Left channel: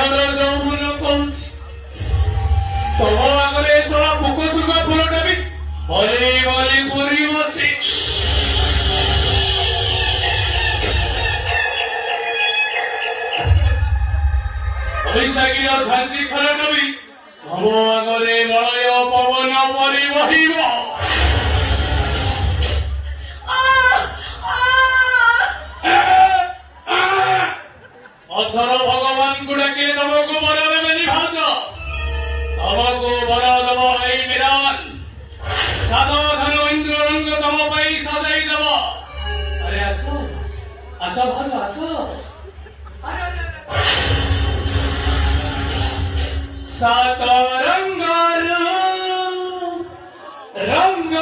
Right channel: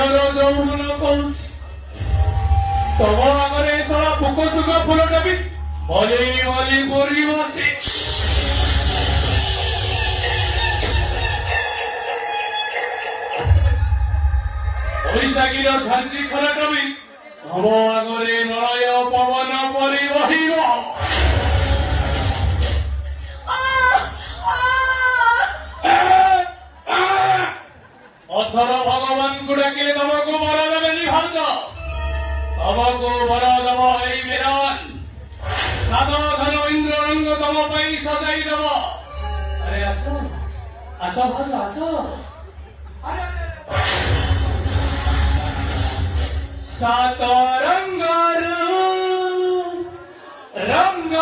ଦେହର ଯୌବନ କହୁଛି ତମ ଆଗରେ ଶଳା ପୋକ ସୁଖ ଫୁଲଟା ବି ଭଲି ଭଲି ପୁରି ବସି ବୈଶାଖୀର ଝାଞ୍ଜି ଖରାଟା ବି ତମ ଆଗରେ ମଳୟ ପବନ ପରି ବହିବ। ଅଥର ଭଗବାନଙ୍କୁ ଡାକି ତମକୁ ବର ଦେବେନି ଭାଉଜ, ତମକୁ ବର ଦେବ ଏଇ ମିରାନ। ସାଧନ ଇନ୍ଦ୍ରରଙ୍ଗ ତମ ପାଇଁ ସଜାଇ ଦେବ। ଆରେ ଆସ ଆସ ଭାଉଜ ଆସ। ସାତ ରଙ୍ଗର ରଙ୍ଗ